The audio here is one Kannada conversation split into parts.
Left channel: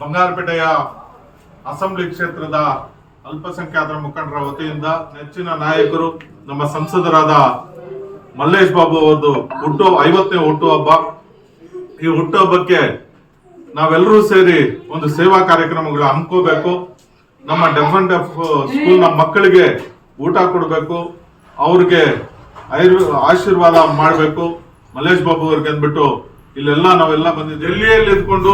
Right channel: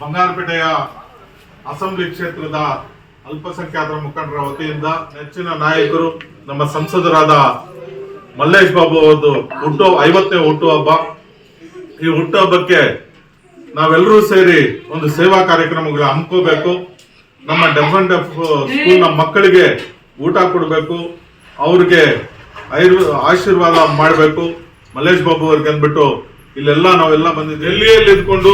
ಬಂಗಾರಪೇಟೆಯ ಅಸೆಂಬ್ಲಿ ಕ್ಷೇತ್ರದ ಅಲ್ಪಸಂಖ್ಯಾತರ ಮುಖಂಡರ ವತಿಯಿಂದ ನೆಚ್ಚಿನ ನಾಯಕರು ನಮ್ಮ ಸಂಸದರಾದ ಮಲ್ಲೇಶ್ ಬಾಬು ಅವರದ್ದು ಹುಟ್ಟು, ಐವತ್ತನೇ ಹುಟ್ಟುಹಬ್ಬ ಈ ಹುಟ್ಟುಹಬ್ಬಕ್ಕೆ ನಾವೆಲ್ಲರೂ ಸೇರಿ ಒಂದು ಸೇವಾ ಕಾರ್ಯಕ್ರಮಗಳು ಹಮ್ಕೋಬೇಕು ನಮ್ಮ ಡೆಫ್ ಅಂಡ್ ಡೆಫ್ ಸ್ಕೂಲ್ನ ಮಕ್ಕಳಿಗೆ ಊಟ ಕೊಡಬೇಕು. ಅವ್ರಿಗೆ ಐರ್, ಆಶೀರ್ವಾದ ಮಾಡಬೇಕು. ಮಲ್ಲೇಶ್ ಬಾಬು ಅವ್ರಿಗೆ ಅಂದ್ಬಿಟ್ಟು ಇಲ್ಲೆಲ್ಲ ನಾವೆಲ್ಲ ಬಂದಿದ್ದೀವಿ. ಡೆಲ್ಲಿಯಲ್ಲಿ ಇದ್ಕೊಂಡು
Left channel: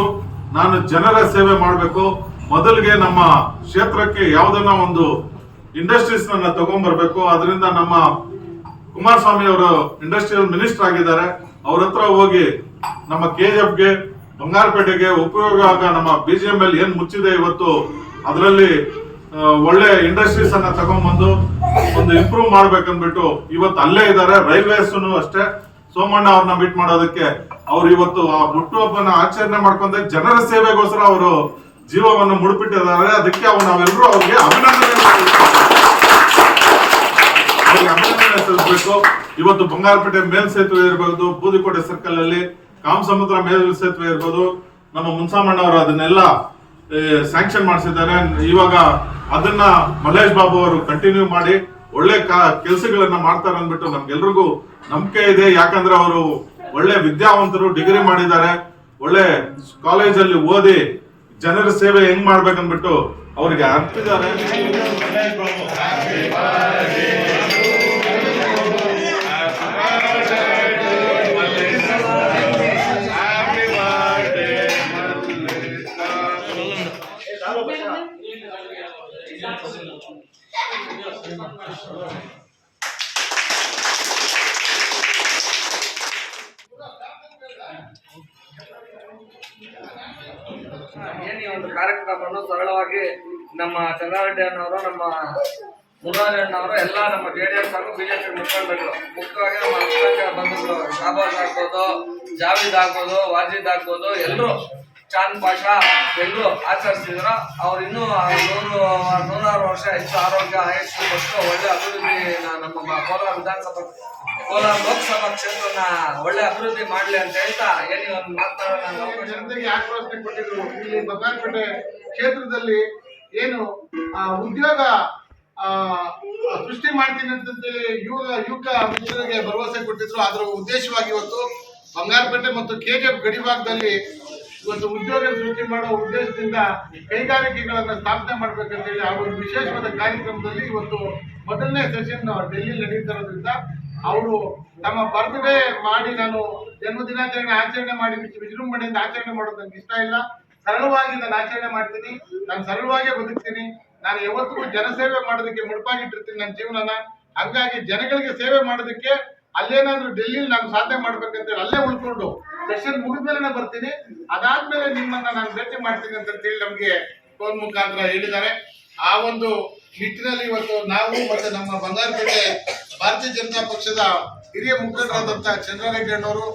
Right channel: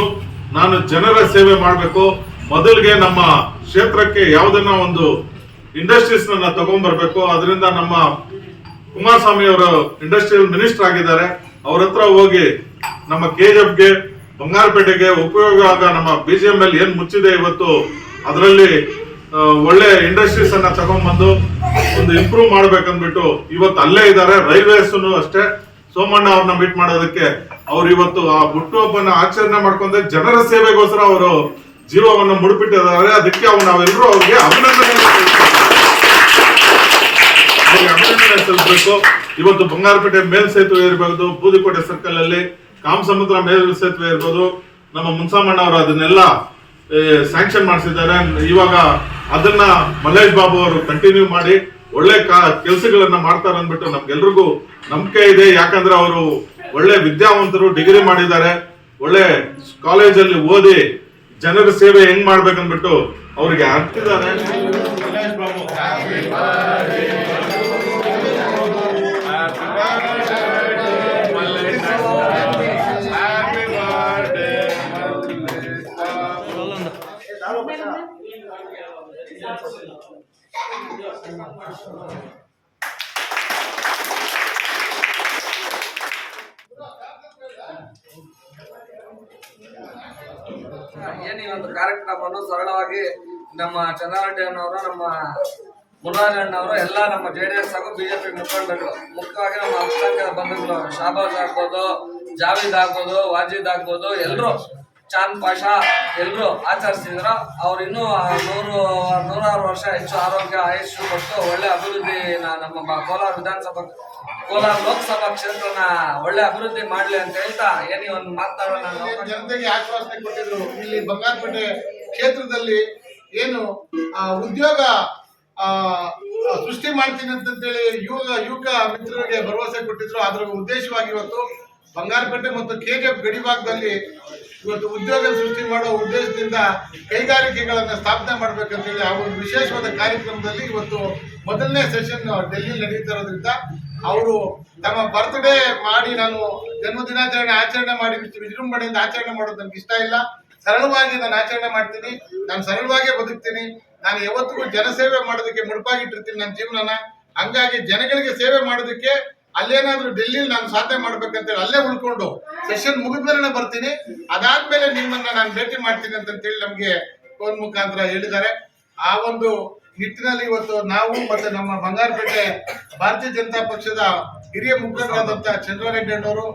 ನಾನು ಜನರ ಸೇವೆ ಮಾಡಬೇಕು. ಮೊದಲಿಗೆ ನಮ್ಮ ಕ್ಷೇತ್ರಕ್ಕೆ ಯಾವುದನ್ನ ಒಂದು ಇಂಡಸ್ಟ್ರೀಸ್ ನನ್ನ ತಗೊಂಡ್ಬರ್ಬೇಕು. ಅದರಿಂದ ನಮ್ಮ ಕುಮಾರಸ್ವಾಮಿ ಅವರು ಇಂಡಸ್ಟ್ರಿಯಲ್ ಮಿನಿಸ್ಟರ್ ಆಗಿದ್ದಾರೆ. ಅವ್ರ ಹತ್ರ ಹೋಗಿ ನಮ್ಮ ಕೆಜಿಎಫ್ಗೆ ಬಂಗಾರಪೇಟೆಗೆ ಉಪಯೋಗ ಆಗ ನಮ್ಮ ಬಿಜಿಎಂಎಲ್ ಏನ್ ಮುಚ್ಚಿದೆ ಇವತ್ತು, ಅದರಲ್ಲಿ ಒಳ್ಳೆ ಇಂಡಸ್ಟ್ರೀಸ್ ಅನ್ನ ತಗೊಂಡ್ಬಂದು, ಒಂದು ಇಂಪ್ರೂವ್ ಮಾಡ್ಬೇಕಂದ್ಬಿಟ್ಟು ಇವತ್ತು ಅಲ್ಲೇ ಇದ್ದಾರೆ. ರೈಲ್ವೇಸ್ ಅಷ್ಟೇ. ಸೋಮಣ್ಣ ಅವ್ರನ್ನ ಮೀಟ್ ಮಾಡೋದಕ್ಕೆ ಅವ್ರು ಇವತ್ತು ಆ ಹುಟ್ಟುಹಬ್ಬನ ಆಚರಣೆ ಮಾಡ್ಕೊಂಡೆ. ಜನರ ಸೇವೆಗೋಸ್ಕರ ಅವರು ಜೀವವನ್ನು ಮುಡುಪಿಟ್ಟಿದ್ದಾರೆ. ಅದಕ್ಕೆ ಅವ್ರು ನಾವೆಲ್ಲರೂ ಅವ್ರಿಗೆ ಅಭಿನಂದನೆ ಅಭಿನಂದನೆ ಸಲ್ಲಿಸಬೇಕು. ಇವತ್ತು ಬಂಗಾರಪೇಟೆ ಮೇಲ್ ಸೇತುವೆ ಇರಬಹುದು ಬೂದಿಕೋಟೆ ಸರ್ಕಲ್ ಅಲ್ಲಿ ಕಾಮಸಮುದ್ರ ಮೇಲ್ ಸೇತುವೆ ಇರ್ಬೋದು. ನಮ್ಮ ಮುನ್ಸಾಮಣ್ಣ ಅವರು ಅದನ್ನೆಲ್ಲ ಸ್ಯಾಂಕ್ಷನ್ ಮಾಡಿಸಿದ್ದಾರೆ. ಇವಾಗ ಅದನ್ನ ಮಲ್ಲೇಶ್ ಬಾಬು ಅವರು ಕಂಟಿನ್ಯೂ ಮಾಡಿ ಒಳ್ಳೆ ಕೆಲಸಗಳನ್ನ ಮಾಡ್ತಾರೆ ಅಂದ್ಬಿಟ್ಟು ನಮ್ಗೆಲ್ರಿಗೂ ನಂಬಿಕೆ ಇದೆ. ಯಾಕಂದ್ರೆ ಅವರು ಒಳ್ಳೆ ವಿದ್ಯಾವಂತರು, ಡಿಗ್ರಿ ಮಾಡಿದ್ದಾರೆ. ಒಳ್ಳೆ ಕಾಲೇಜಲ್ಲಿ ಓದಿ ಜನರ ಸೇವೆ ಹೆಂಗ್ ಮಾಡ್ಬೇಕಂದ್ಬಿಟ್ಟು ಅವ್ರಿಗೆ ಅರ್ತಿದ್ದಾರೆ ಏನು ಒಂದು ಕಾರ್ಯಕ್ರಮವನ್ನು ಸರಳವಾಗಿ ನಮ್ಮ ಚಂದ್ರಾರೆಡ್ಡಿ ಅಣ್ಣವರು, ನಮ್ಮ ಮುರಾರಿ ಅಣ್ಣವರು, ಎಲ್ಲ ನಮ್ಮ ಜೆ ಡಿ ಎಸ್ ಹಾಗೂ ಬಿಜೆಪಿ ಮುಖಂಡರು, ಮುಖ್ಯವಾಗಿ ನಮ್ಮ ಅಲ್ಪಸಂಖ್ಯಾತ ಬಂಧುಗಳು, ಶಾಬಾಜ್ ಆಗ್ಬೋದು, ಜಾವೀದ್ ಆಗ್ಬೋದು, ವಾಜಿದ್ ಆಗ್ಬೋದು, ಎಲ್ಲರೂ ಚಾಂದ್ ಪಾಷ ಎಲ್ಲರೂ ಆಚರಿಸಿದ್ರು. ಅವ್ರು ಇನ್ನೂ ನೂರು ನೂರಾರು ವರ್ಷ ಹೆಚ್ಚು ಆರೋಗ್ಯ ಆಯುಷ್ ಕೊಟ್ಟು ಒಳ್ಳೆ ಅಭಿವೃದ್ಧಿ ನಮ್ಮ ಕೋಲಾರ ವಿಧಾನಸಭಾ ಕೋಲಾರ ಲೋಕಸಭಾ ಕ್ಷೇತ್ರನ ಒಳ್ಳೆ ಅಭಿವೃದ್ಧಿ ಮಾಡಲಿ ಅಂತ ಹೇಳ್ತಾ ಏನೇ ಒಂದು ಮಾತನಾಡೋಣ ಜನತೆಗೆ ಆಶ್ವಾಸನೆ ಕೊಟ್ಟಿದ್ರು. ಇಲ್ಲಿ ಬಂಗಾರಪೇಟೆ ಕ್ಷೇತ್ರದಲ್ಲಿ ಏನು ಉದ್ಯೋಗ ಸೃಷ್ಟಿ ಮಾಡ್ತೀನಿ ಅಂತೇಳಿ ಯುವಕ ಯುವಕ ಮಿತ್ರರಿಗೆ ಭರವಸೆ ಕೊಟ್ಟಿದ್ರು. ಅದರ ಉದ್ದೇಶವಾಗಿ ಇವತ್ತು ಬಂಗಾರಪೇಟೆ ಮತ್ತು ಕೆಜಿಎಫ್ ಗಡಿ ಭಾಗದಲ್ಲಿ ಇವತ್ತು ಉದ್ಯೋಗ ಸೃಷ್ಟಿ ಮಾಡೋ ಉದ್ದೇಶದಿಂದ ಕೈಗಾರಿಕೆಗಳನ್ನ ಸ್ಥಾಪನೆ ಮಾಡ್ಬೇಕಂತೇಳಿ ಆ ಒಂದು ವಿಶೇಷವಾದ ಕಾರ್ಯಕ್ರಮದಲ್ಲಿ ಇವತ್ತು ಮೊದಲನೇ ಸೆಷನ್ ಡೆಲ್ಲಿ ನಡೀತಾ ಇರೋದ್ರಿಂದ ಅವರು ತಮ್ಮ ಬರ್ತ್ಡೇ ಮಾಡಿ ನಾನು ಜನ್ಮದಿನಾಚರಣೆ ಆಚರಣೆ ಮಾಡಿ ವಿಜ್- ವಿಜೃಂಭಣೆಯಿಂದ ಆಚರಣೆ ಮಾಡೋದು ನನಗೆ ಇಷ್ಟ ಇಲ್ಲ. ಸರಳವಾಗಿ ನಾನು ಆಚರಣೆ ಮಾಡ್ತೀನಿ. ನಾನು ಸರಳವಾಗೇ ಬದುಕ್ತೀನಿ. ನಾನು ಯಾವತ್ತಿಗೂ ಜನಸೇವೆ ಮಾಡೋದಕ್ಕೆ ಮುಡುಪಾಗಿಟ್ಟಿರ್ತೀನಿ ನನ್ನ ಜೀವನನ. ಹಂಗಾಗಿ ಜನಗಳಿಗೆ ಸೇವೆ ಮಾಡೋದಕ್ಕೆ ಅಲ್ಲೇನಾದ್ರೂ ಡೆಲ್ಲಿಲಿ ನಾನು ಸಾಧನೆ ಮಾಡ್ಬೇಕಂತೇಳಿ ಅಲ್ಲೇ ಉಳ್ಕೊಂಡು ಸೆಷನ್ ಮುಗಿದ್ಮೇಲೆ ಬರ್ತೀನಿ. ಅದಾದ್ಮೇಲೆ ನಿಮ್ಮನ್ನ ನಾನು ಭೇಟಿ ಮಾಡ್ತೀನಿ ಅಂತ ಹೇಳಿ ನಮಗೆ ಫೋನ್ ಮುಖಾಂತರ ಹೇಳಿದ್ದಾರೆ. ಆ ಒಂದು ನಿಟ್ಟಿನಲ್ಲಿ ಇವತ್ತು ನಾವು ಮತ್ತೆ ನಮ್ಮ ಬಂಗಾರಪೇಟೆ ಭಾರತೀಯ ಜನತಾ ಪಕ್ಷದ ಹಿರಿಯ ಮುಖಂಡರಾದಂತಹ ಚಂದ್ರಾರೆಡ್ಡಿ ಅಣ್ಣವರು